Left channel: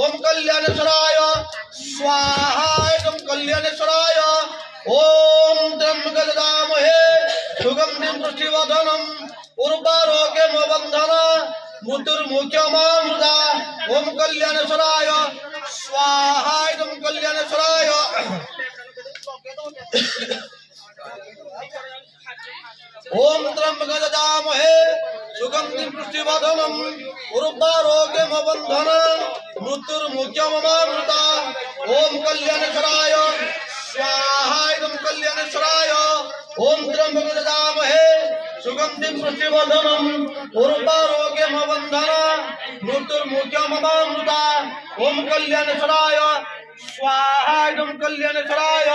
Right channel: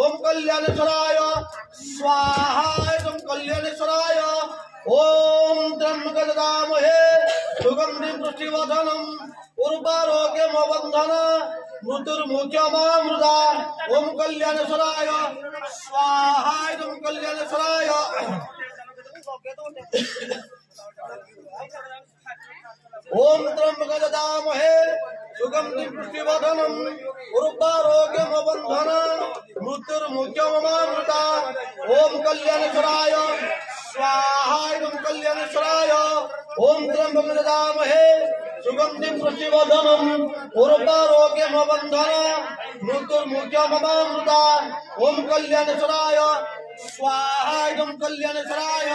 ओम कल्याणेश्वराय स्वाहा कल्याणेश्वराय ओम त्र्यंबकदामहे सुगंधिं पुष्टिवर्धनम् उर्वारोग्यमबन्धन मृत्युर्मुख्यमामृता ओम कल्याणेश्वराय स्वाहा कल्याणेश्वराय ओम त्र्यंबकदामहे सुगंधिं पुष्टिवर्धनम् उर्वारोग्यमबन्धन मृत्युर्मुख्यमामृता ओम कल्याणेश्वराय स्वाहा कल्याणेश्वराय ओम त्र्यंबकदामहे सुगंधिं पुष्टिवर्धनम् उर्वारोग्यमबन्धन मृत्युर्मुख्यमामृता ओम कल्याणेश्वराय स्वाहा कल्याणेश्वराय